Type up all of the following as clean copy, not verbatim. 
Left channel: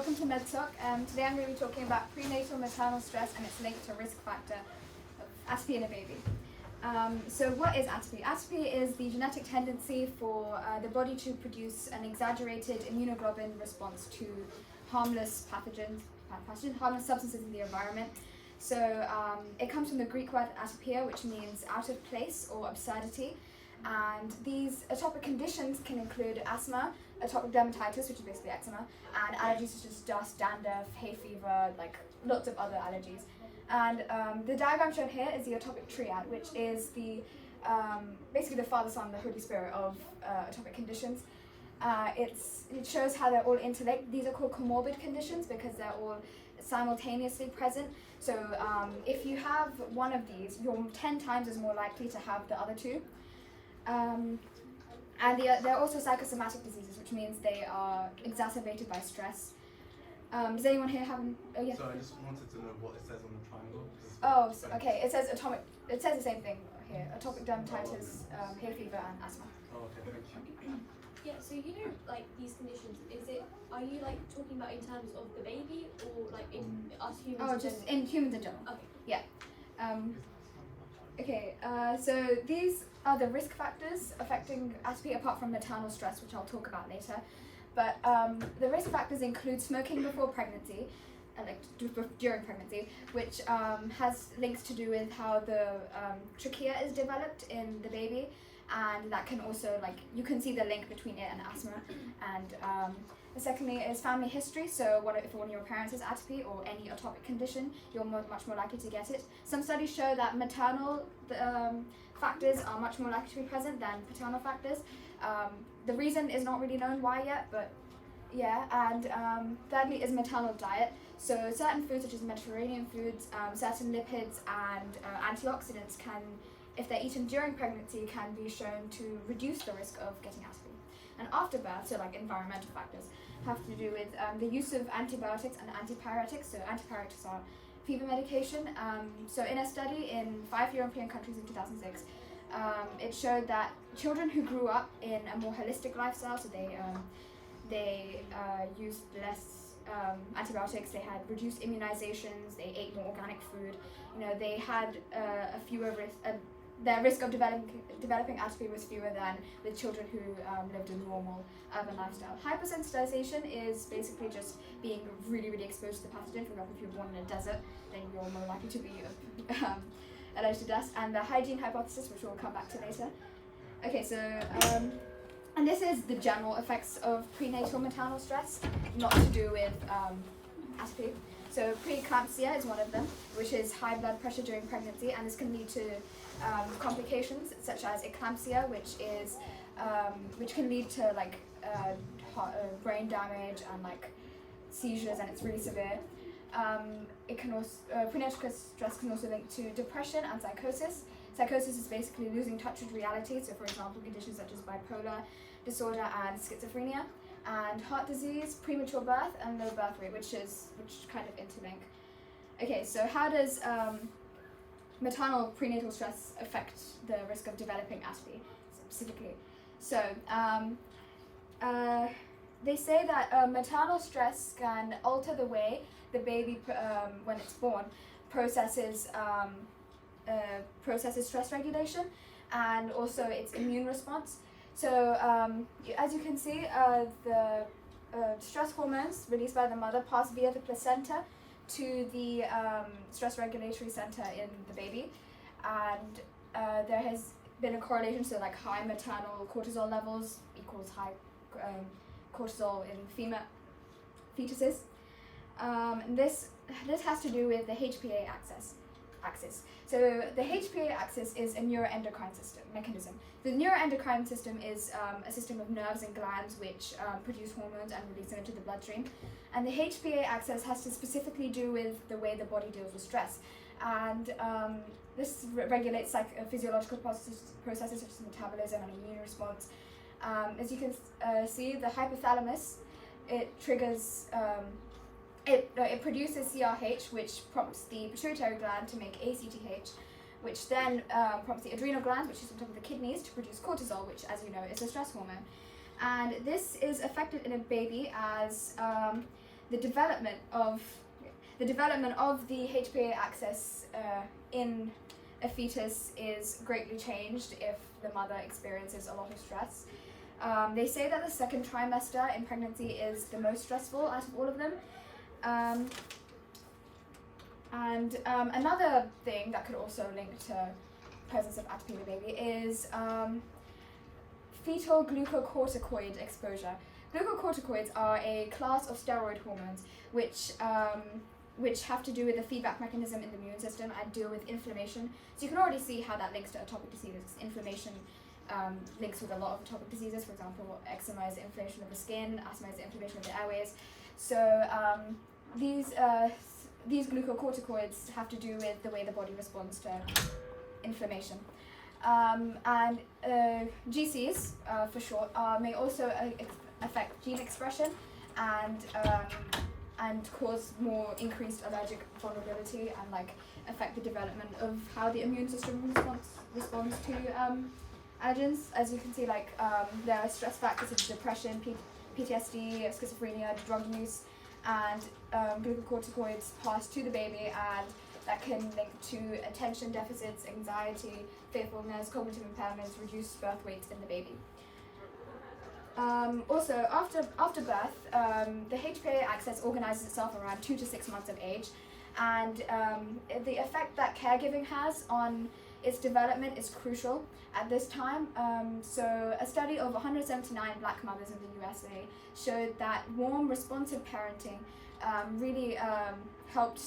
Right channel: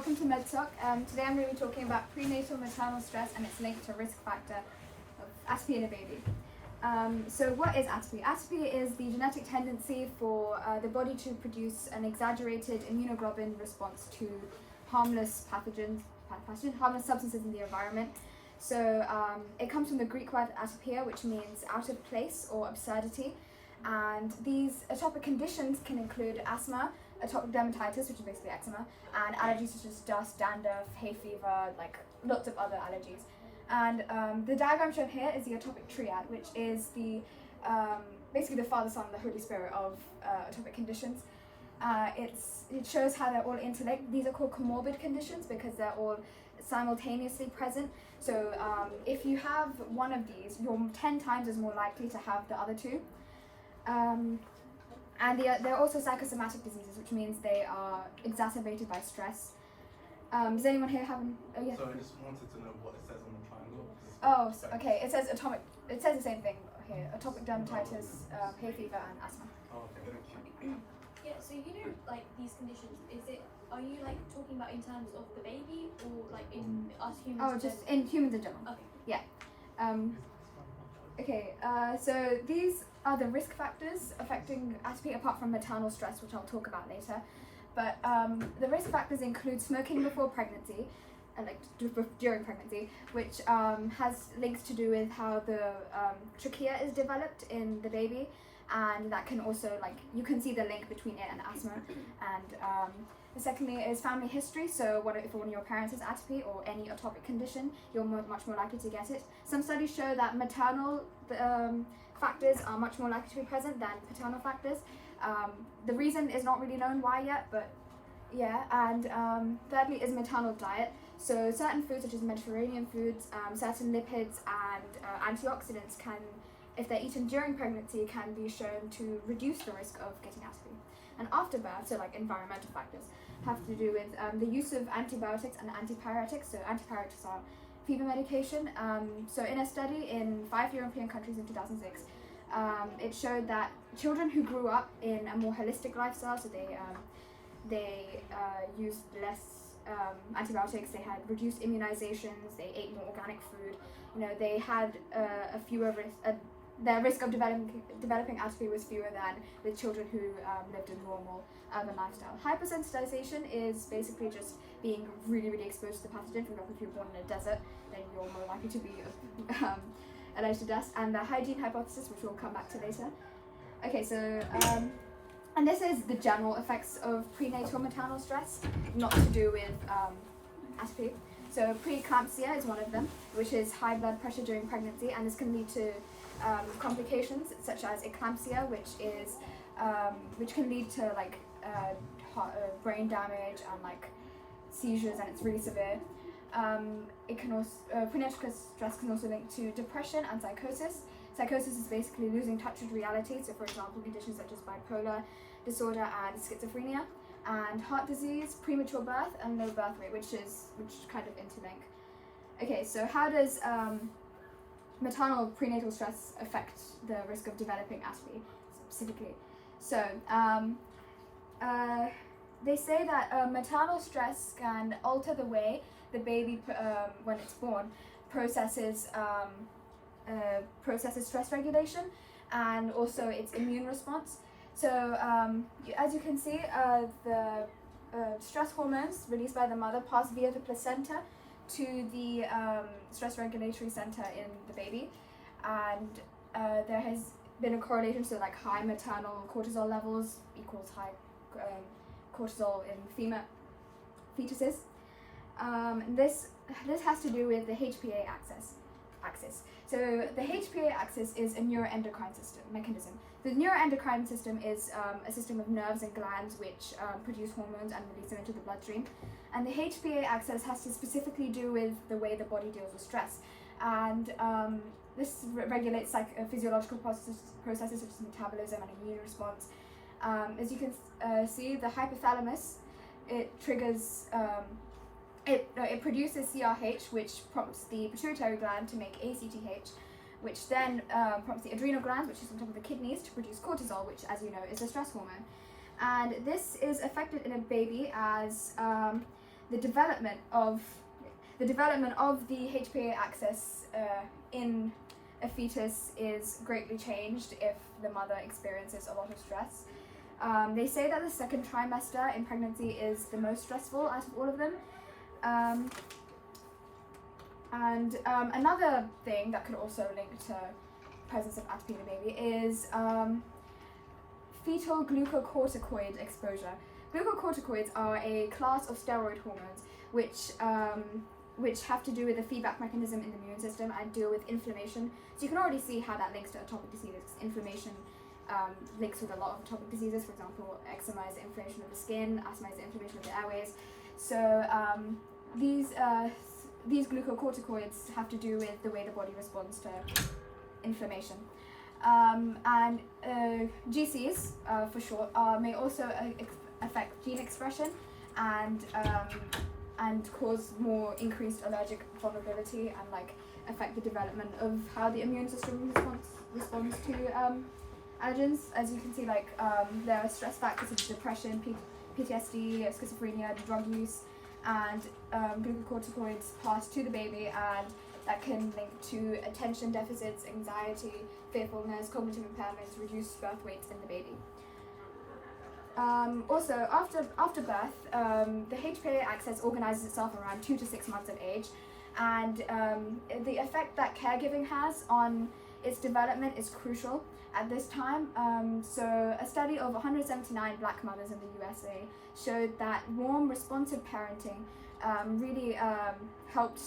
welcome to MedTalk. Today I'm going to be talking about prenatal maternal stress and its link to risk factor of atopy in a baby. So what is atopy? Atopy is the genetic tendency for the body to produce an exaggerated immunoglobulin response to harmless harmless substances in the environment. So it comes from the Greek word atopia, which means out of place or absurdity. And these atopic conditions can include asthma, atopic dermatitis, which is basically eczema, and allergies such as dust, dandruff, hay fever, like lots of other allergies. And the diagram shown here is the atopic triad, which is the basically the Father, Son, and the Holy Spirit of atopic conditions. It shows how they're all interlinked. These are called comorbid conditions because they're all simultaneously present. So if you have one of these, you're 10 times as more likely to have the other two. And they're also psychosomatic diseases, which means they are exacerbated by stress. Does anyone here have an? Oh, yeah. So I just wanted to know what it says on the triangle. Oh, so, okay. It says atopic. It says the same thing here: atopic dermatitis, hay fever, and asthma. Oh, okay. Thank you. Yeah. So like these conditions, are you like talking about in terms of the baby or like in us humans? Oh, just in humans in general. Okay. Yeah. Okay. So these are the risk factors affecting atopy, apart from maternal stress, which I'll talk about later. But the risk factors include smoking before pregnancy, and like during pregnancy, which has links to do with how the trachea is developed in the baby, and that can also, like, you can see the link between it and asthma. And secondly is family history. So if one of your parents has atopy or any atopic condition, you're much more likely to get it. Some studies show that maternal factors are much more likely to be present than paternal factors. The reason is not really known why yet, but yeah. And thirdly is maternal diet. So certain foods such as Mediterranean foods, certain lipids and antioxidants can, if they're eaten during pregnancy, can be shown to reduce the risk of getting atopy. And after birth, so like environmental factors, have to do with the use of antibiotics and antipyretics. So antipyretics are fever medication. So in a study in 5 European countries in 2006, it showed that children who grew up in a more holistic lifestyle, so they used less antibiotics, they had reduced immunizations, they ate more organic food. They had a fewer their risk of developing atopy was fewer than with children who lived a normal urban lifestyle. Hypersensitization is basically just being really, really exposed to the pathogen. For example, if you're born in a desert, then you're more likely to be allergic to dust. And the hygiene hypothesis, which we'll come back to later. Okay, so and this is the general effects of prenatal maternal stress, not to do with atopy. So preeclampsia is one of them, which is high blood pressure during pregnancy, and this can lead to complications such as eclampsia, which can lead to like brain damage and like seizures, and it's really severe. It can also prenatal stress can also link to depression and psychosis. Psychosis is basically losing touch with reality. So, for example, conditions such as bipolar disorder and schizophrenia, and heart disease, premature birth, and low birth rate, which kind of interlink. Okay, so how does maternal prenatal stress affect the risk of developing atopy specifically? So they say that maternal stress can alter the way the baby, when it's born, processes stress regulation and also its immune response. So as you can see, the stress hormones released by the mother pass via the placenta to the stress regulatory center in the baby, and there has been a correlation. So like high maternal cortisol levels equals high cortisol in female fetuses. This has to do with the HPA axis. So the HPA axis is a neuroendocrine mechanism. The neuroendocrine system is a system of nerves and glands which produce hormones and release them into the bloodstream. And the HPA axis has to specifically do with the way the body deals with stress. And this regulates physiological processes such as metabolism and immune response. As you can see, the hypothalamus, it triggers it produces CRH, which prompts the pituitary gland to make ACTH, which then prompts the adrenal gland, which is on top of the kidneys, to produce cortisol, which, as you know, is a stress hormone. And this is affected in a baby as the development of the HPA axis in a fetus is greatly changed if the mother experiences a lot of stress. They say that the second trimester in pregnancy is the most stressful out of all of them. Another thing that could also link to presence of atopy in the baby is fetal glucocorticoid exposure. Glucocorticoids are a class of steroid hormones which have to do with the feedback mechanism in the immune system and deal with inflammation. So you can already see how that links to atopic diseases. Inflammation links with a lot of atopic diseases. For example, eczema is the inflammation of the skin, asthma is the inflammation of the airways. So these glucocorticoids have to do with the way the body responds to inflammation. GCs, for short, may also affect gene expression and cause more increased allergic vulnerability and like affect the development of how the immune system responds to allergens. As you can see, like there are stress factors such as depression, PTSD, schizophrenia, drug use, and glucocorticoids pass to the baby, and that can link to attention deficits, anxiety, fearfulness, cognitive impairments, reduced birth weight in the baby. Also, after birth, the HPA axis organizes itself around 2 to 6 months of age, and the effect that caregiving has on its development is crucial at this time. So a study of 179 black mothers in the USA showed that warm, responsive parenting really helped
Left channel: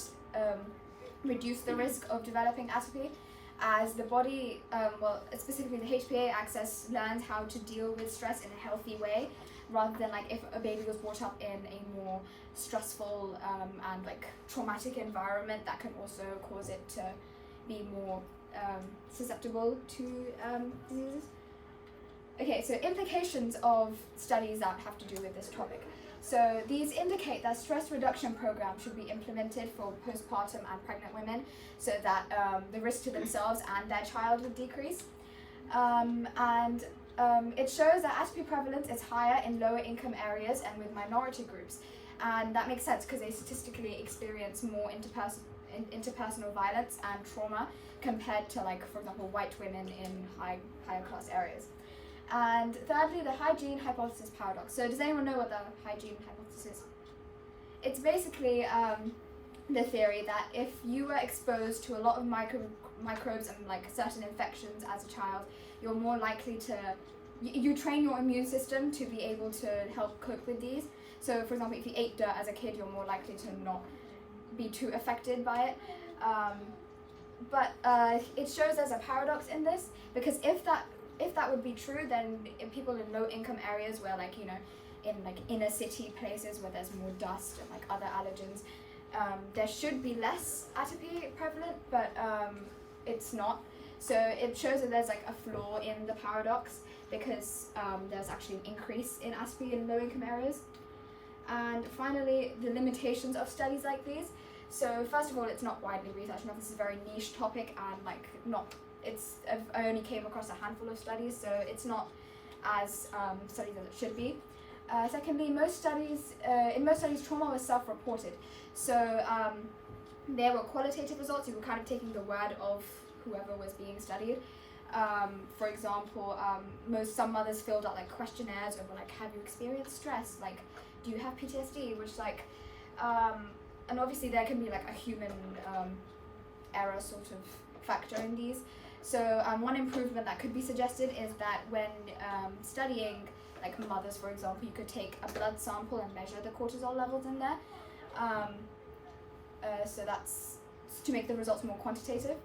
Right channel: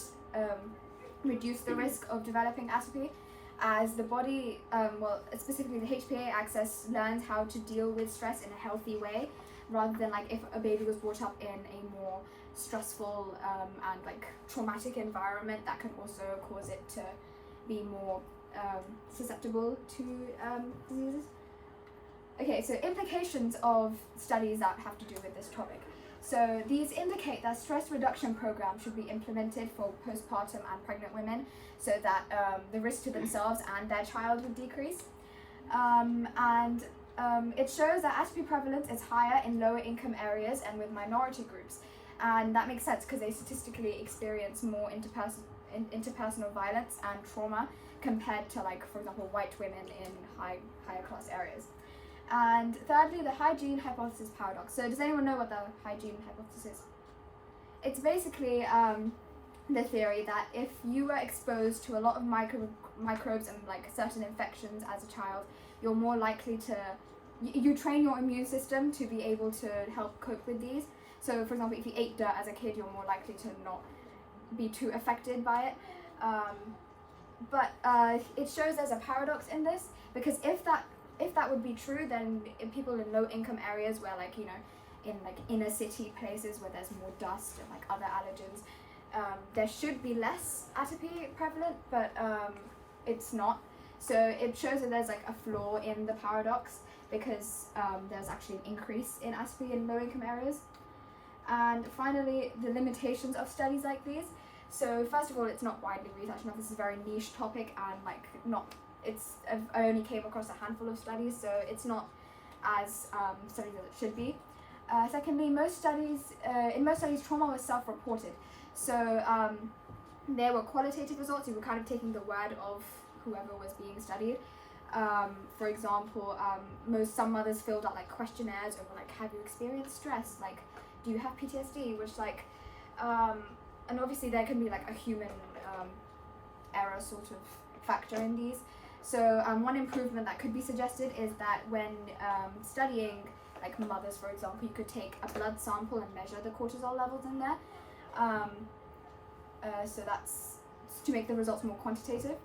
reduce the risk of developing atopy, as the body, specifically the HPA axis, learns how to deal with stress in a healthy way, rather than like if a baby was brought up in a more stressful and like traumatic environment that can also cause it to be more susceptible to diseases. Okay, so implications of studies that have to do with this topic. So these indicate that stress reduction programs should be implemented for postpartum and pregnant women, so that the risk to themselves and their child would decrease. It shows that atopy prevalence is higher in lower income areas and with minority groups, and that makes sense because they statistically experience more interpersonal violence and trauma compared to, like, for example, white women in higher class areas. And thirdly, the hygiene hypothesis paradox. So does anyone know what the hygiene hypothesis is? It's basically the theory that if you were exposed to a lot of microbes and like certain infections as a child, you're more likely to, you train your immune system to be able to help cope with these. So for example, if you ate dirt as a kid, you're more likely to not be too affected by it. But it shows there's a paradox in this, because if that would be true, then in people in low income areas where, like, you know, in like inner city places where there's more dust and like other allergens, there should be less atopy prevalent, but it's not. So it shows that there's like a flaw in the paradox, because there's actually an increase in atopy in low income areas. And finally, the limitations of studies like these. So first of all, it's not widely researched enough. This is a very niche topic, and like I only came across a handful of studies, so it's not as studied as it should be. Secondly, in most studies, trauma was self-reported. So there were qualitative results. You were kind of taking the word of whoever was being studied. For example, some mothers filled out like questionnaires over like, have you experienced stress? Like, do you have PTSD? Which like, and obviously there can be like a human error sort of factor in these. So one improvement that could be suggested is that when studying like mothers, for example, you could take a blood sample and measure the cortisol levels in there. So that's to make the results more quantitative.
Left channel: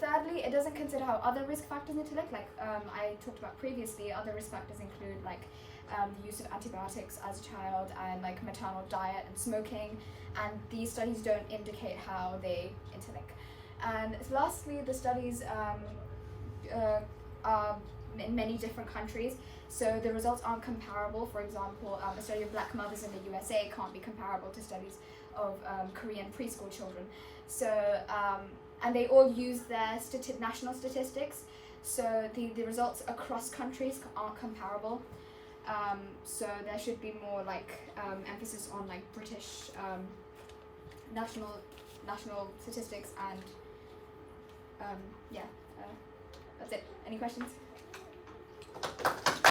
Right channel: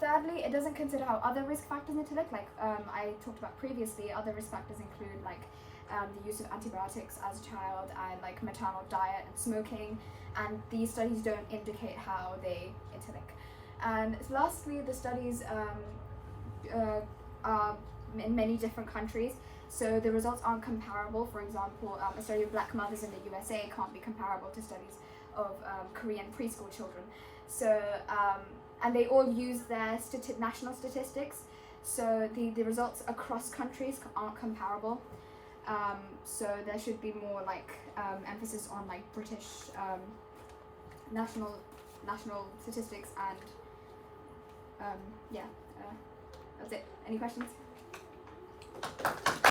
Thirdly, it doesn't consider how other risk factors need to look. Like I talked about previously, other risk factors include like the use of antibiotics as a child, and like maternal diet and smoking, and these studies don't indicate how they interlink. And lastly, the studies are in many different countries, so the results aren't comparable. For example, a study of black mothers in the USA can't be comparable to studies of Korean preschool children. So, and they all use their national statistics, so the results across countries aren't comparable. So there should be more like emphasis on like British national statistics and that's it. Any questions?